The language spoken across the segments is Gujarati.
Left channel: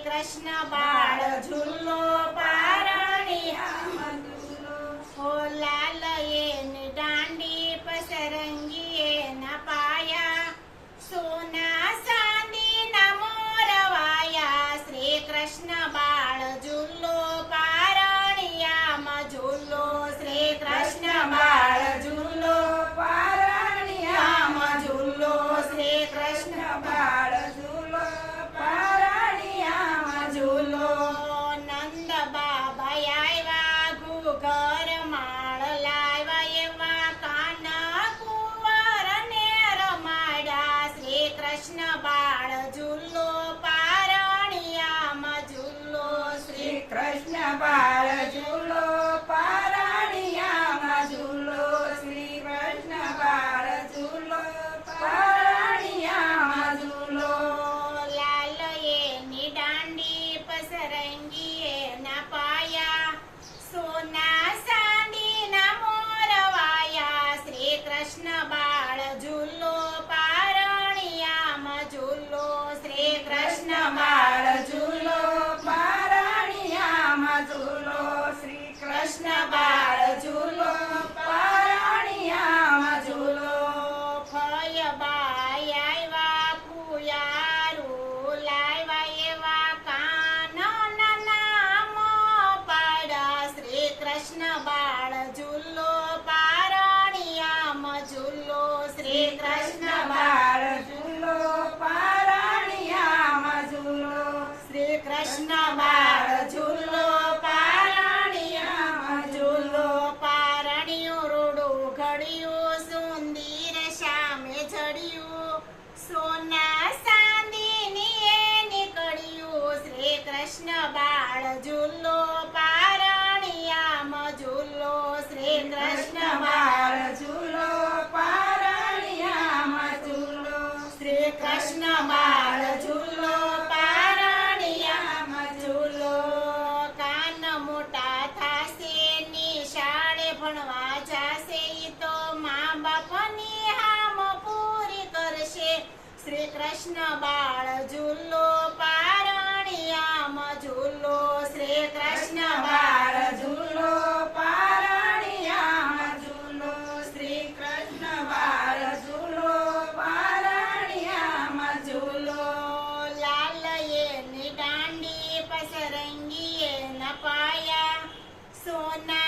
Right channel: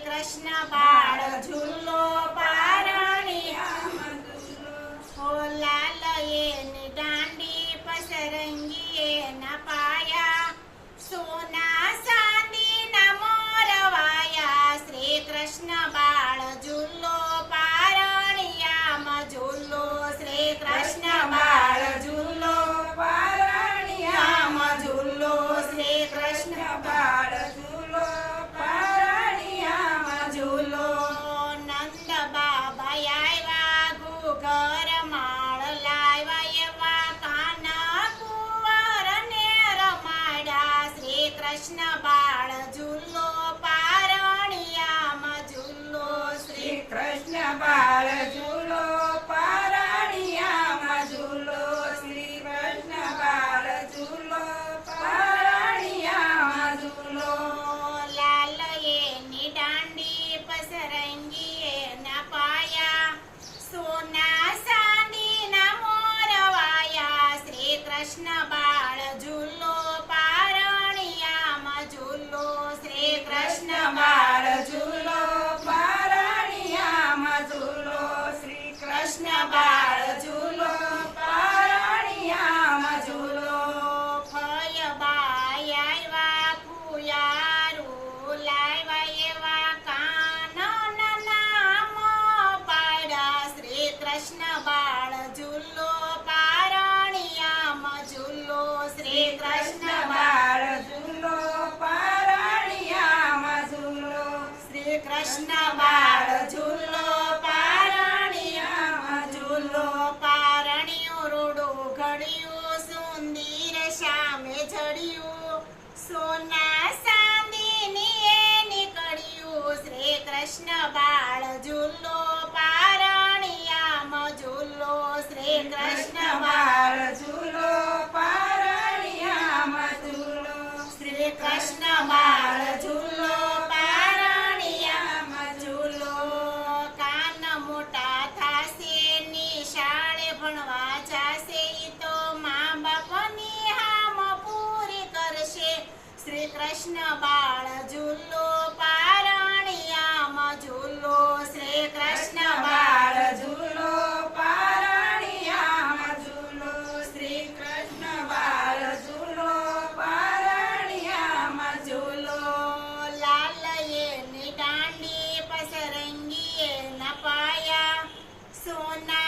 કૃષ્ણ બાળ ઝૂલો પારણિયામાં ઝૂલો ઓ લાલ એની દાંડી પસરંગી એના પાયા સોના ચાંદી ના મોરવાયા શ્રી કૃષ્ણ બાળ ઝૂલો પારણિયામાં ઝૂલો શ્રી કૃષ્ણ બાળ ઝૂલો પારણિયામાં ઝૂલો શ્રી કૃષ્ણ બાળ કૃષ્ણ બાળ સામે ચડ્યું સોના ચાંદીની એ નીકળ્યું. શ્રી કૃષ્ણ બાળ ઝૂલો પારણિયામ ઝૂલો શ્રી કૃષ્ણ બાળ ઝૂલો પારણિયામ ઝૂલો શ્રી કૃષ્ણ બાળ ઝૂલો પારણિયામ ઝૂલો કાન મોટા થાશે નિશાળે ભણવા જાશે શ્રી કૃષ્ણ બાળ ઝૂલો પારણિયામાં ઝૂલો શ્રી કૃષ્ણ બાળ ઝૂલો પારણિયામાં ઝૂલો શ્રી કૃષ્ણ બાળ ઝૂલો પારણિયામાં ઝૂલો લાલ એની દાંડી પસરંગીએ નપાયા. પાયા સોના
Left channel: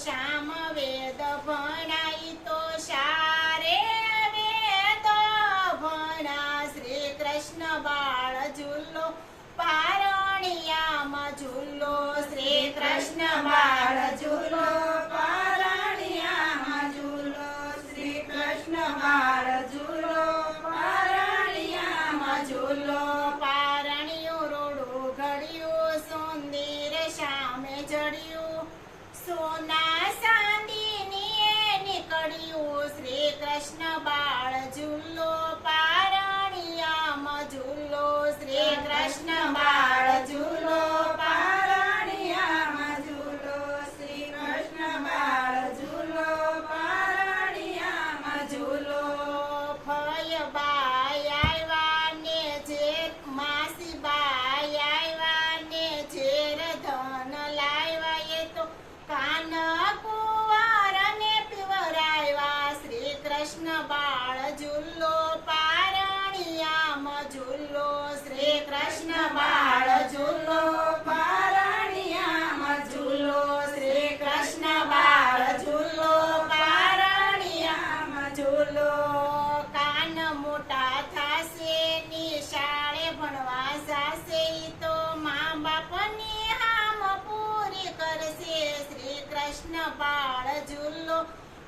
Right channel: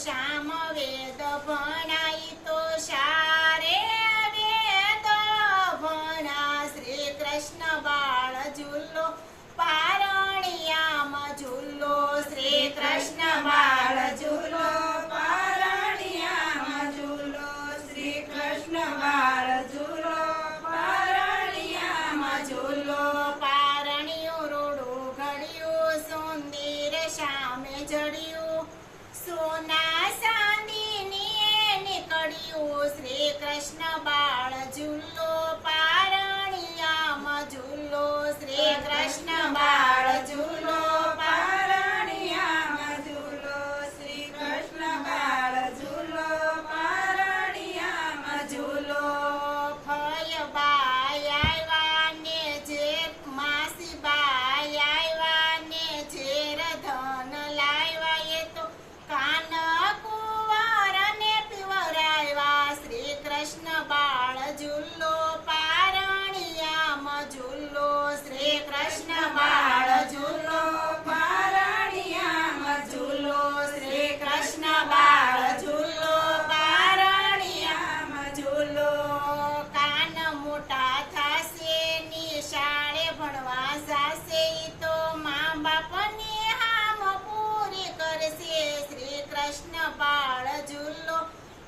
શ્યામ વેદ ભણાઈ તો સારે વેદ ભણા શ્રી કૃષ્ણ બાળ ઝૂલો પારણિયામાં ઝૂલો શ્રી કૃષ્ણ બાળ ઝૂલો પારણિયામાં શ્રી કૃષ્ણ ઝૂલો પારણિયામાં ઝૂલો પારણિયું રોડું ઘડ્યું, સુંદર સામે જડ્યું સોના ચાંદીની નીકળ્યું. શ્રી કૃષ્ણ બાળ ઝૂલો કૃષ્ણ બાળ ઝૂલો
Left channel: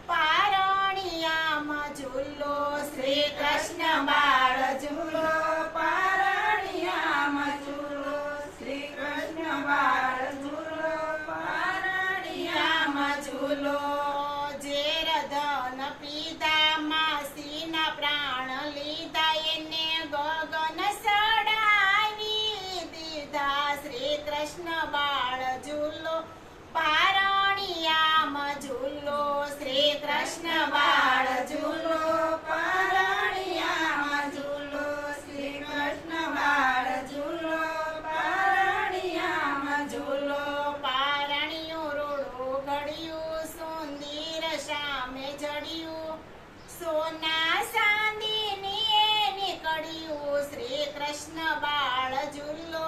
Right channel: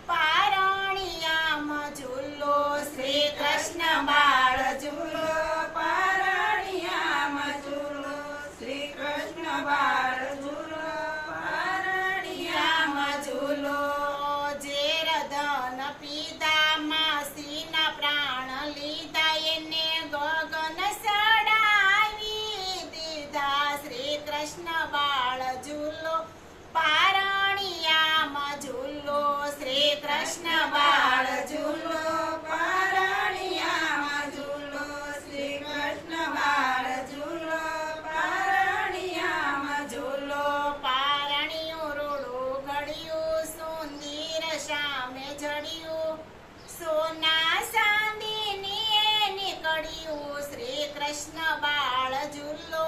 પારણિયામાં ઝૂલો શ્રી કૃષ્ણ બાળ ઝૂલો પારણિયામાં ઝૂલો શ્રી કૃષ્ણ બાળ ઝૂલો પારણિયામાં ઝૂલો જે રધન પિતા માસીના પ્રાણ લીધા એને ગગન સડાવી દીધા શ્રી કૃષ્ણ કૃષ્ણ બાળ ઝૂલો પારણિયામાં ઝૂલો. શ્રી કૃષ્ણ બાળ ઝૂલો પારણિયામાં ઝૂલો. પારણિયું રૂડું ઘડ્યું સુંદર સામે જડ્યું. સોના ચાંદીની એ નીકળ્યું. શ્રી કૃષ્ણ બાળ ઝૂલો